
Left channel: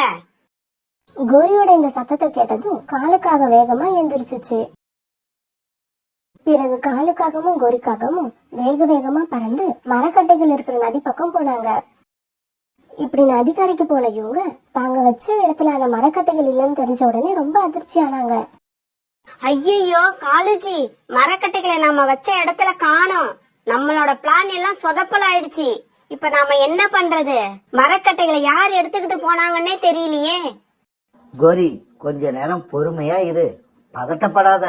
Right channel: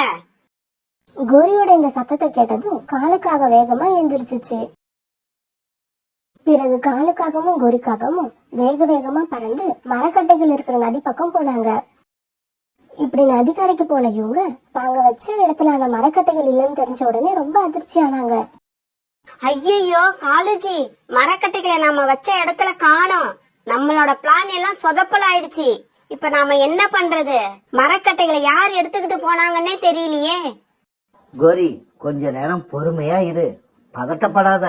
கோரியோட இந்த சத்தத்தை கேட்டதும் காலுக்காக வேகமா எந்திரிச்சிச்சு. பிறகு காலுக்காகவும் கோரிக்காகவும் வேக வேகமா பறந்து மரக்கட்டைகள் இருக்கிற நதி பக்கம் போனாங்க. இப்படி நதிக்கரைக்கு போன இவங்க தாங்க வச்ச இடத்துல அந்த மரக்கட்டைகள் இல்லைன்னு தெரிஞ்ச உடனே ரொம்ப அதிர்ச்சி ஆனாங்க. ஐயோ காலுஜி, மரக்கட்டைகளை நாம வச்ச இடத்துல காணோம். நம்மளோட பிளான் எல்லாம் சொதப்பல் ஆயிடுச்சு. இப்ப நாம என்ன பண்றது? மரக்கட்டைகளை யார் எடுத்துக்கிட்டு போனாங்கன்னே தெரியலையே. கோரி, கொஞ்ச நேரம் பொறுமையா இரு, பதட்டப்படாத.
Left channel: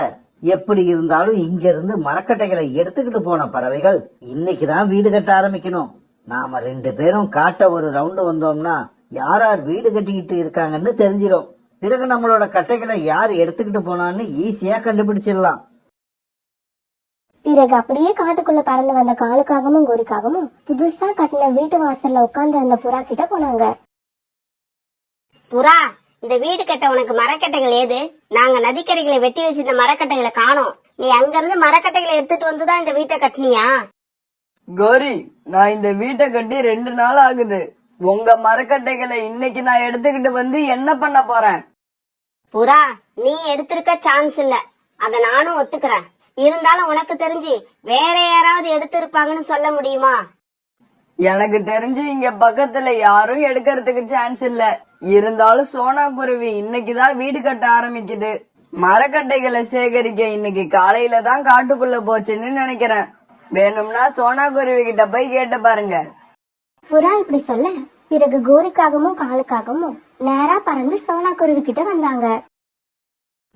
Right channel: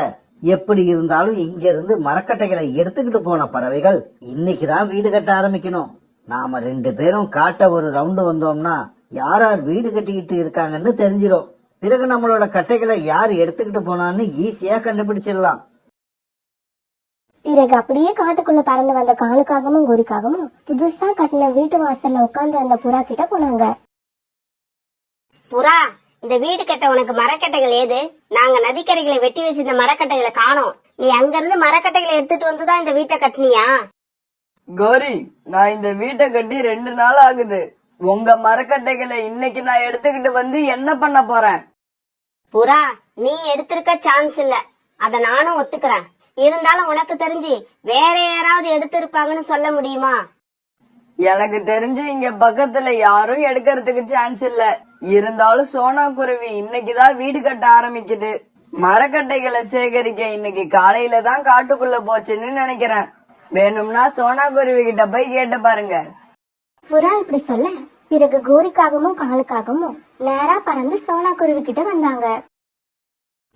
எப்படி இருந்தாலும் இங்க இருந்து மரக்கட்டைகளை எடுத்துக்கிட்டு போன பறவைகள் இன்னைக்குதான் வீடு கட்ட ஆரம்பிக்கணும். நாம 2 பேரும் காட்ட ஒரு ரவுண்டு வந்தோம்னா யார் யார் வீடு கட்டிக்கிட்டு இருக்காங்கன்னு தெரிஞ்சிடும். பிறகு நம்மளோட கட்டைகளை யார் எடுத்துக்கிட்டு போனான்னு ஈஸியா கண்டுபிடிச்சிடலாம். பிறகு அப்படியே காட்டுக்குள்ள பறந்து வந்த காலுக்காகவும் கோரிக்காகவும் புதுசா கட்டின வீட்டு வாசல்ல உட்கார்ந்து அந்த புறா கிட்ட போனாங்க. புறா, இந்த வீடு கட்ட உனக்கு மரக்கட்டைகள் ஏது? நாங்க நதிக்கரைகளை வெட்டி வச்சிருந்த மரக்கட்டைகளை காணோம். நீ அங்க இருந்து மரக்கட்டைகளை எடுத்துட்டு வந்துதான் இந்த வீட்டை கட்டினியா? கோரி, நான் இந்த வீட்டை கட்டி 2 நாள் ஆகுது. உங்க மரக்கட்டைகளை இன்னைக்கு நான் எடுத்துக்கிட்டு வந்து என்ன பண்ண போறேன்? புறா, நீ எடுத்திருக்க சான்ஸ் இல்ல, அத நானும் ஒத்துக்கிறேன். இருந்தாலும் உனக்கு தெரிஞ்சு வேற யாராவது எடுத்திருப்பாங்கன்னு சொல்ல முடியுமா? எனக்கு தெரிஞ்சு இங்க பக்கத்துல யாரும் எடுக்கிறதுக்கு சான்ஸ் இல்ல. இருந்தாலும் சோனா குருவி இன்னைக்குதான் வீடு கட்ட ஆரம்பிக்குது. மரக்கட்டைகளை சேகரிக்க இன்னைக்கு காலையில தான் காட்டுக்குள்ள போச்சுன்னு நினைக்கிறேன். வேணும்னா சோனா குருவி கிட்ட போய் கேட்டு பாருங்க. புறா இப்படி சொல்ல பிறகு கோரிக்காகவும் காலுக்காகவும் நேரா பறந்து சோனா குருவி கிட்ட வந்தாங்க.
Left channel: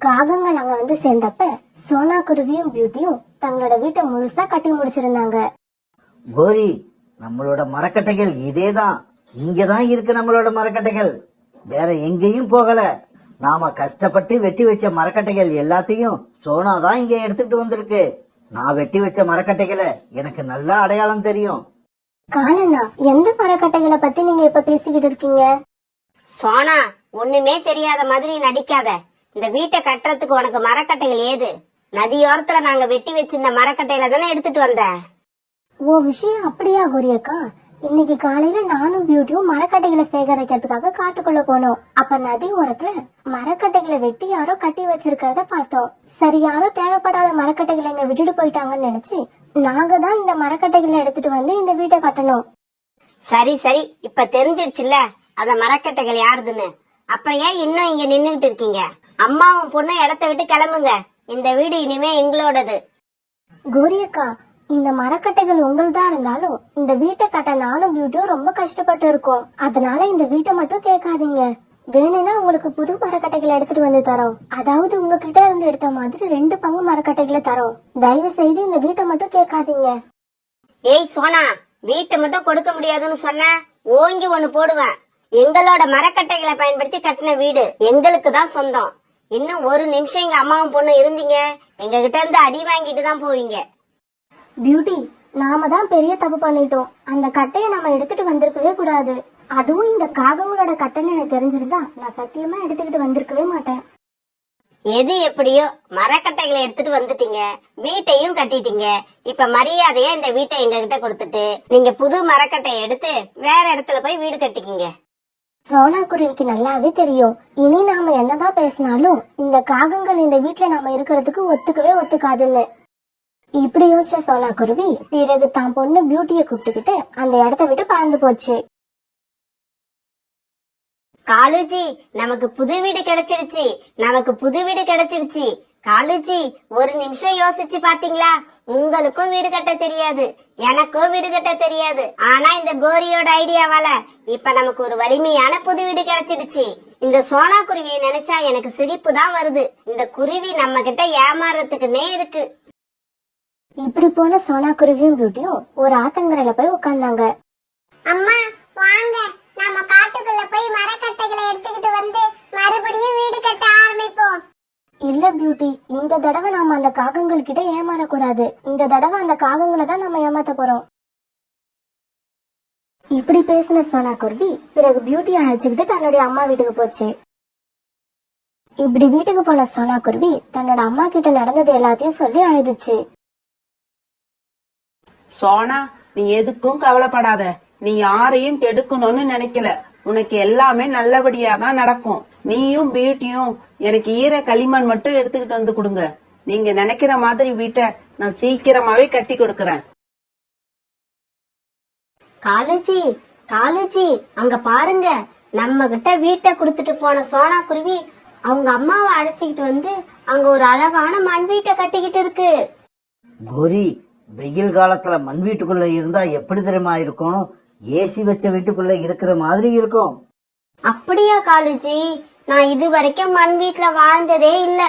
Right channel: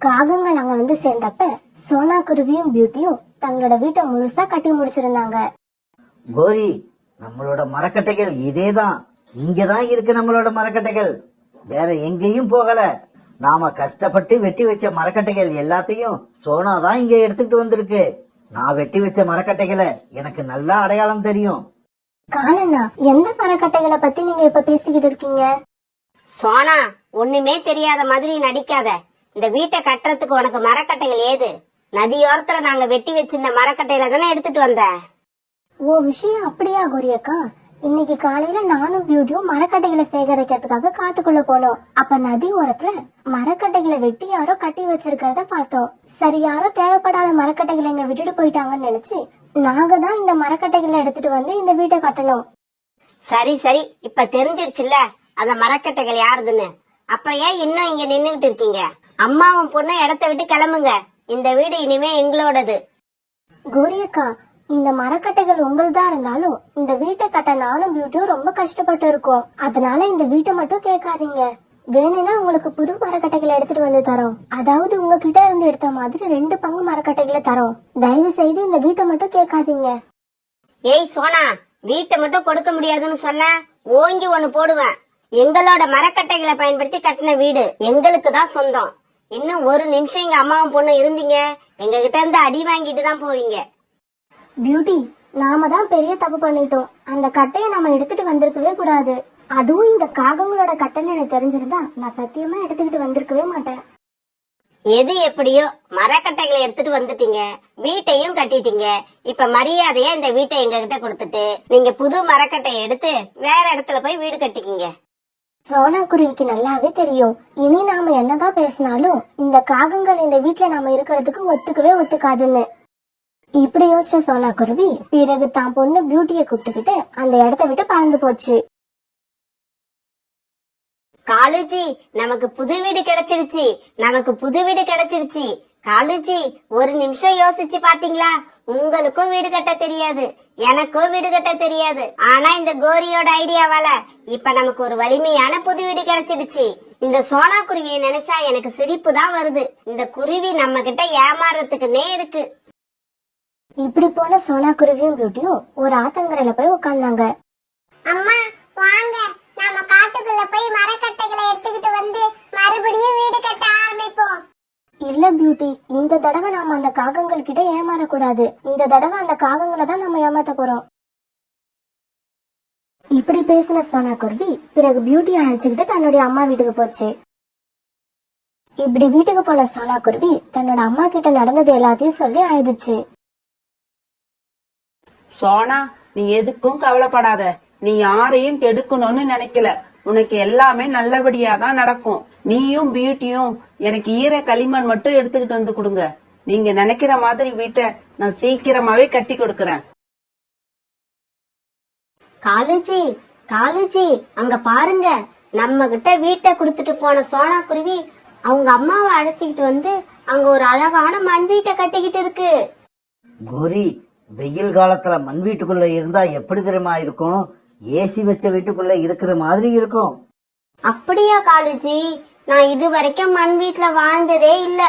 காகங்கள் அங்க வந்து சேர்ந்தப்ப சோனா குருவியும் பியூட்டியும் தங்களோட வீட்டை முழுசா கட்டி முடிச்சிருந்தாங்க. கோரி, நம்மளோட மரக்கட்டைகள் இதேதான். இங்கதான் இருக்கு நம்மளோட மரக்கட்டைகள், வேற எங்கேயும் போகல. நாம கஷ்டப்பட்டு வெட்டி வச்ச மரக்கட்டைகள் எல்லாத்தையும் சோனாதான் இங்க எடுத்துக்கிட்டு வந்திருக்கு. நான் வெட்டி வச்ச மரக்கட்டைகளை எனக்கு நல்லா அடையாளம் தெரியும். காணண்ணா, எந்த மரக்கட்டைகளை பத்தி நீங்க இப்ப பேசிக்கிட்டு இருக்கீங்க? சோனா, ஒண்ணுமே தெரியாத மாதிரி நடிக்காத. இந்த வீட்டை கட்டுறதுக்கு உனக்கு மரக்கட்டைகள் ஏது? நதியோரத்துல நாங்க வெட்டி வச்சிருந்த மரக்கட்டையில தானே எடுத்துட்டு வந்த. ஓ, விஷயம் அப்படியா கோரியக்கா? இன்னைக்கு காலையில நானும் பியூட்டியும் மரக்கட்டைகளை சேகரிக்கிறதுக்காக காட்டுக்குள்ள போனோம். அப்ப நதி ஓரத்துல மரக்கட்டைகளை வெட்டி யாரோ கட்டி வச்சிருக்கிறத பார்த்தோம். சரி, யாரோ தேவைப்படாத மரக்கட்டைகளை இங்க விட்டுட்டு போயிட்டாங்கன்னு நினைச்சு நாங்க தான் இந்த மரக்கட்டைகளை எடுத்துட்டு வந்து இந்த வீட்டை கட்டணும். சரி சரி, இப்ப தெரிஞ்சிருச்சுல்ல அந்த மரக்கட்டைகள் யாருதுன்னு. அப்புறம் ஏன் இன்னும் இங்க நின்னுகிட்டு இருக்கீங்க? அம்மாவும் பொண்ணு இடத்த விட்டு கிளம்புங்க. இந்த வீடு இனிமே எங்களோடது. கோரி அக்கா, இந்த மரக்கட்டைகள் உங்களுதா இருந்தாலும் இந்த வீட்டை கட்ட நானும் பியூட்டியும் ரொம்ப கஷ்டப்பட்டு இருக்கோம். அதனால இந்த வீட்டை மட்டும் கேட்காதீங்க. வேணும்னா உங்களுக்கு புது மரக்கட்டைகளை எடுத்துட்டு வந்து தரோம். அதாவது உங்ககிட்ட இருந்து எடுத்த மாதிரி 2 பங்கு மரக்கட்டைகளை தரோம். தயவு செய்து இந்த வீட்டை மட்டும் கேட்காதீங்க. ஏய் சோனா, வீட்டை மட்டும் கொடுக்க முடியாதுன்னு சொன்ன ஓங்கி ஒண்ணு போடுவேன். எங்களோட மரக்கட்டைகளை பயன்படுத்தி கட்டின வீடு எங்களுக்கு தான் சொந்தம். இன்னும் ஒரு நிமிஷம் எங்க அம்மாவும் பொண்ணு இருந்தீங்க, எங்க கிட்ட இருந்து அடி வாங்கிட்டு தான் போவீங்க. பியூட்டி, நாம தான் பெரிய தப்பு பண்ணிட்டோம். அந்த கட்டையை நம்ம எடுத்துட்டு வந்திருக்கவே கூடாது. அதுவும் இந்த காகங்களோட கட்டைன்னு எனக்கு தெரிஞ்சிருந்தா நான் சத்தியமா எடுத்துக்கிட்டு வந்திருக்கவே மாட்டேன். எது எப்படியோ மரக்கட்டைகளை எடுத்துட்டு வந்துட்டீங்க, வீட்டையும் கட்டிட்டீங்க. இப்ப மரியாதையா இந்த வீட்டை எங்க கிட்ட கொடுத்துட்டு நீங்க புது மரக்கட்டையை எடுத்து வேற இடத்துல போய் வீடு கட்டிக்கிங்க. சோனா குருவிக்கு நல்லாவே தெரியும், இனி நாம என்னதான் பேசினாலும் இந்த காகங்கள் இந்த வீட்டுல நாம இருக்கிறதுக்கு ஒத்துக்கவே ஒத்துக்காதுன்னு. இப்படி யோசிச்ச சோனா குருவி பிறகு தான் பொண்ணு பியூட்டியை கூப்பிட்டுக்கிட்டு அந்த இடத்த விட்டு பறந்து போச்சு. காலுஜி, நமக்கு புது வீடு கிடைச்சிருச்சு, நமக்கு புது வீடு கிடைச்சிருச்சு. காலுஜி, ஒரு நிமிஷம் யோசிச்சு பாத்தீங்களா? உங்களுக்கும் வீடு கட்ட தெரியாது, எனக்கும் வீடு கட்ட தெரியாது. ஆனா இந்த கோரியோட ஐடியாவால இப்ப நமக்கு ஒரு வலிமையான புது வீடு கிடைச்சிடுச்சு. இந்த சோனா குருவியை நினைச்சா எனக்கு சிரிப்பு தான் வருது. இந்த குருவி நம்ம கிட்ட ஏமாறதுக்குன்னே இருக்கு. இப்படி போன சோனா குருவியும் பியூட்டியும் ஒரு ஆத்தங்கரையில போய் உட்கார்ந்தாங்க. அம்மா வாங்க, நம்ம காட்டுக்குள்ள போய் மரக்கட்டைகளை எடுத்துக்கிட்டு வந்து மறுபடியும் வீடு கட்ட ஆரம்பிப்போம். இல்ல பியூட்டி, இந்த தடவை நாம அந்த காகங்கள் கிட்ட ஏமாறக்கூடாது. இந்த தடவை அந்த காகங்களை தான் நம்ம ஏமாத்த போறோம். இப்படி பேசின சோனா குருவி பிறகு பியூட்டியை அழைச்சுக்கிட்டு தன்னுடைய அம்மா வீட்டுக்கு போச்சு. இப்படி வீட்டுக்கு போன சோனா குருவி தன்னோட அம்மா கிட்ட நடந்தது எல்லாத்தையும் சொல்லி அழுதுச்சு. சோனா, நீ எதுக்கும் கவலைப்படாத. நீ யாரையும் கெடுக்கணும்னு நினைக்கல. உனக்கு எல்லாமே நல்லபடியா தான் நடக்கும். நீயும் பியூட்டியும் எனக்கு ஈர களிமண் மட்டும் எடுத்துக்கிட்டு வந்து கொடுங்க. நீங்க நினைக்கிற மாதிரி வீட்டை நான் சீக்கிரமாவே கட்டி கொடுக்கறேன். காலுஜி, காலுஜி, அங்க பாருங்க, நம்ம கிட்ட வீட்டை கொடுத்துட்டு போன சோனா குருவி அவங்க அம்மாவை அழைச்சிக்கிட்டு வந்து அங்க ஒரு அழகான மண் வீட்டை கட்டிக்கிட்டு இருக்கு. கோரி, வெயில் காலத்துல மண் வீட்டுக்குள்ள இருந்தா எப்படி தெரியுமா இருக்கும்? ஏசி வச்ச வீட்டுக்குள்ள இருக்கிற மாதிரி இருக்கும். அப்படியா காலுஜி? நான் இது வரைக்கும் மண் வீட்டுல வாழ்ந்ததே இல்ல.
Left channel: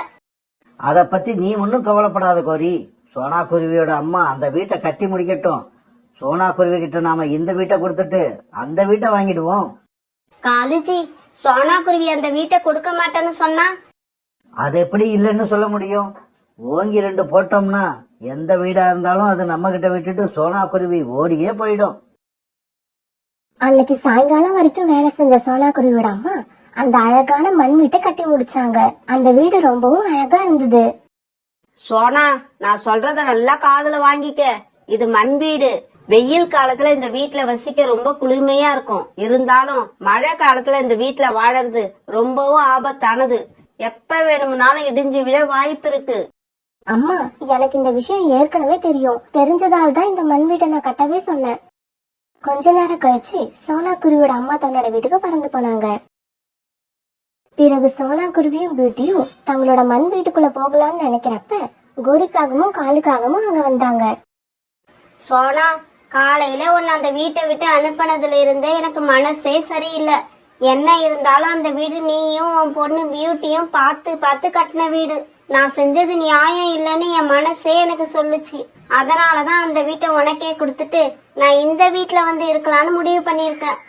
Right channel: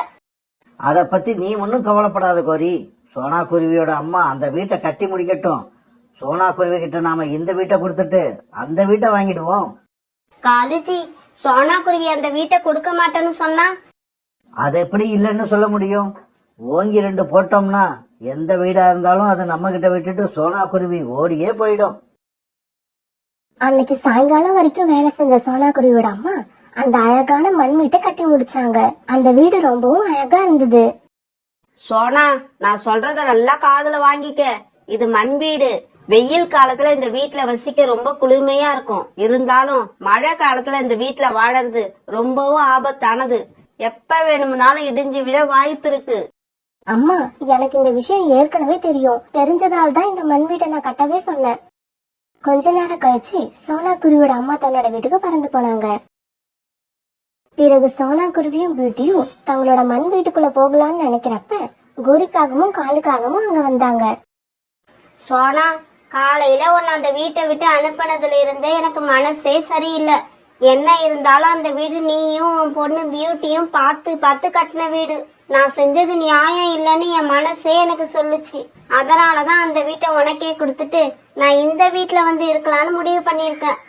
அத பத்தி நீ ஒன்னும் கவலைப்படாத கோரி. சோனா குருவியோட அம்மா அந்த வீட்டை கட்டி முடிக்கட்டும். சோனா குருவி கிட்ட நாம இந்த வீட்டை கொடுத்துட்டு அந்த வீட்டை வாங்கிடுவோம். காலுஜி, சோனா குருவி அந்த வீட்டை கொடுக்க மாட்டேன்னு சொன்னா? அது எப்படி இல்லைன்னு சொல்ல முடியும்? ஓங்கி 2 போட்டோம்னா எந்த வீடா இருந்தாலும் அது நம்ம கிட்ட விட்டுட்டு சோனா குருவி ஓடியே போயிடும். அன்னைக்கு சாயங்காலம் வரைக்கும் வேலை செஞ்ச சோனா குருவியோட அம்மா அந்த அழகான மண் வீட்டை கட்டி முடிச்சாங்க. அந்த வீடு ரொம்பவும் அழகா இருந்தது. சோனா, நான் சொல்றத நல்லா காதுல வாங்கிக்க. இது மண் வீடு. வெயில் காலத்துல இந்த வீட்டுல வசிக்க ரொம்ப குளுமையா இருக்கும். இருந்தாலும் மழை காலத்துல இந்த வீட்டுல வாழறது ரொம்பவும் ஆபத்தானது. எப்ப வேணும்னாலும் இடிஞ்சு விழ வாய்ப்பு இருக்கு. அம்மா, எனக்கு இந்த விஷயம் ஏற்கனவே தெரியும். தெரிஞ்சதால தான் இந்த மண் வீட்டை நான் கட்டவே சொன்னேன். கொஞ்ச நேரம் கழிச்சு சோனா குருவியோட அம்மா தன்னோட வீட்டுக்கு பறந்து போனாங்க. பிறகு சோனா குருவியும் பியூட்டியும் தங்களோட மண் வீட்டுக்குள்ள போகலாம்னு நினைக்கிறப்ப கோரிக்காகமும் காலுக்காகவும் அங்க வந்தாங்க. சோனா, காலையில உன்னை அந்த வீட்டை விட்டு அனுப்பினதுல இருந்தே எனக்கு மனசே சரியில்லை. என்ன இருந்தாலும் அந்த வீடு நீயும் உன் பொண்ணு பியூட்டியும் பார்த்து பார்த்து கட்டின வீடு. நான் செஞ்சது நியாயம் இல்லைன்னு என் மனசே எனக்கு சொல்லுச்சு. அதனாலதான் அந்த வீட்டை உனக்கே கொடுத்துட்டு நான் இந்த வீட்டுல வந்து இருக்கலாம்னு முடிவு பண்ணிருக்கேன்.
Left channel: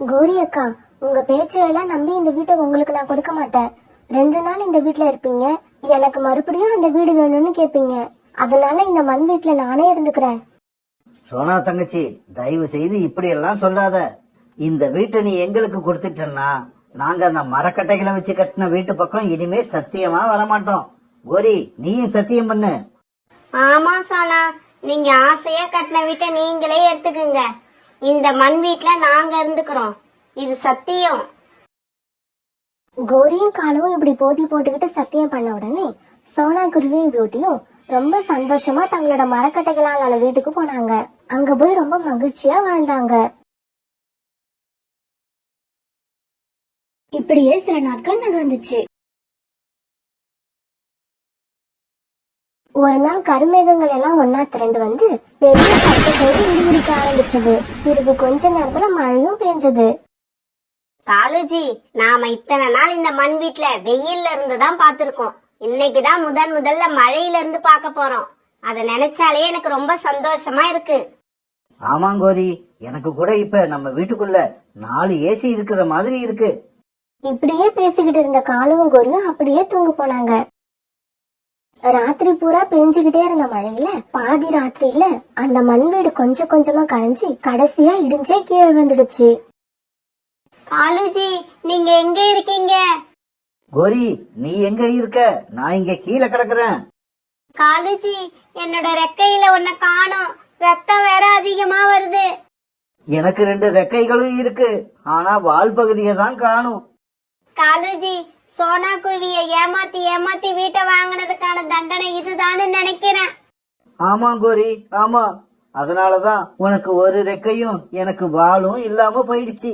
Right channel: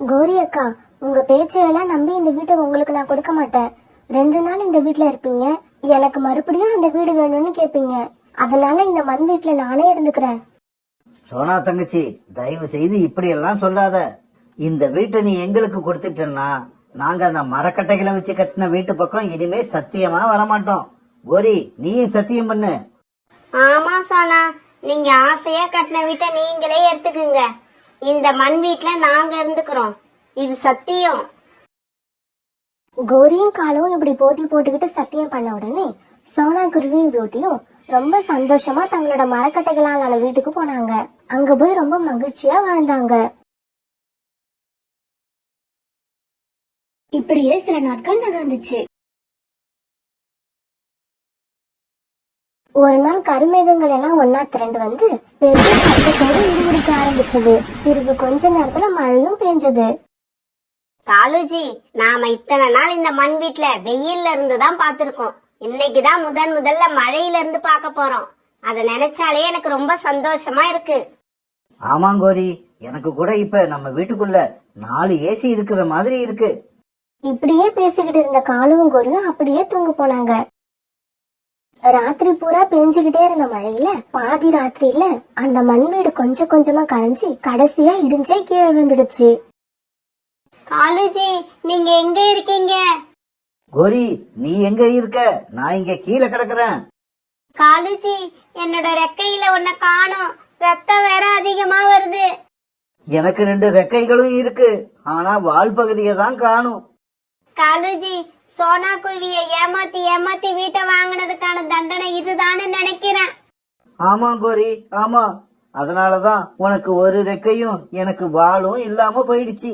கோரி அக்கா, உங்க பேச்சையெல்லாம் நம்பி இந்த வீட்டை உங்களுக்கு நான் கொடுக்க மாட்டேன். 2 நாள் இந்த வீட்டுல இருப்பீங்க, எனக்கு மறுபடியும் அந்த வீடு வேணும்னு கேப்பீங்க. அதனால இந்த மண் வீட்டுல நானே இருந்துக்கிறேன். சோனா தங்கச்சி, தயவு செய்து இப்படி எல்லாம் சொல்லாத. இந்த வீட்டை நீ எங்களுக்கு கொடுத்துட்டேன்னா நாங்க அந்த மரக்கட்டைகளை வச்சு கட்டின வீட்டு பக்கம் இனிமே சத்தியமா வரமாட்டோம். கோரி, நீயும் சத்தியம் பண்ணு. ஆமா சோனா, நீங்க ஆசையா கட்டின வீட்டை நீங்களே எடுத்துக்குங்க. இந்த மண் வீட்ல நாங்க இருந்துக்கிறோம், இது சத்தியம். கோரியும் காலுவும் இப்படி போட்டி போட்டுக்கிட்டு சத்தியம் பண்ண உடனே சோனா குருவியும் பியூட்டியும் ரொம்ப சந்தோஷமா தங்களோட மரக்கட்டைகளால் ஆன வீட்டுக்கு போனாங்க. அங்க போய் ரொம்ப மகிழ்ச்சியா வாழ்ந்தாங்க. இப்படியே சில நாட்கள் நகர்ந்துச்சு. ஒரு நாள் கருமேகங்கள் எல்லாம் ஒன்னா திரண்டு வந்து பெரிய சத்தத்தோடு இடிமுடிக்க ஆரம்பிச்சது. பிறகு கொஞ்ச நேரத்துல மழையும் பெஞ்சது. காலுஜி, நாம இத்தனை நாள் இந்த மண் வீட்ல வெயில்ல இருந்துதான் பாத்திருக்கோம். இன்னைக்குதான் முதல்ல மழையில இருந்து பார்க்க போறோம். அத நினைச்சாலே எனக்கு ரொம்ப சந்தோஷமா இருக்கு. ஆமாங்கோரி, எனக்கு கூட இப்ப நம்ம வீட்டுக்குள்ள 4 ஏசி இருக்கிற மாதிரி இருக்கு. இப்படியே பேசிக்கிட்டு இருந்த காலுவும் கோரியும் அப்படியே தூங்க போனாங்க. ராத்திரி பூரா பெஞ்சுக்கிட்டே இருந்த மழையில பாதி ராத்திரியில அந்த மண் வீடு கொஞ்சம் கொஞ்சமா கரைஞ்சி கடைசியா இடிஞ்சே கீழே விழுந்துடுச்சு. காலுஜி, நீங்க எங்க இருக்கீங்க? கோரி, நீ எங்க இருக்க? நான் இங்க கீழே கிடக்குறேன். காலுஜி, என்னோட ரெக்கையில ஒன்ன காணோம். ரத்தம் வேற அதிகமா வருது. எனக்கு 2 ரெக்கைகளும் இருக்கு, ஆனா வால் பகுதியை தான் காணும். காலுஜி, சோனா குருவியை ஏமாத்தி ஏமாத்தி வீட்டை வாங்கினதுக்கான தண்டனை இதுதான்னு நினைக்கிறேன். ஆமா கோரி, ஆமா. அதனாலதான் உனக்கு ஒரு ரெக்கையும் எனக்கு வாலும் இல்லாம போயிடுச்சு.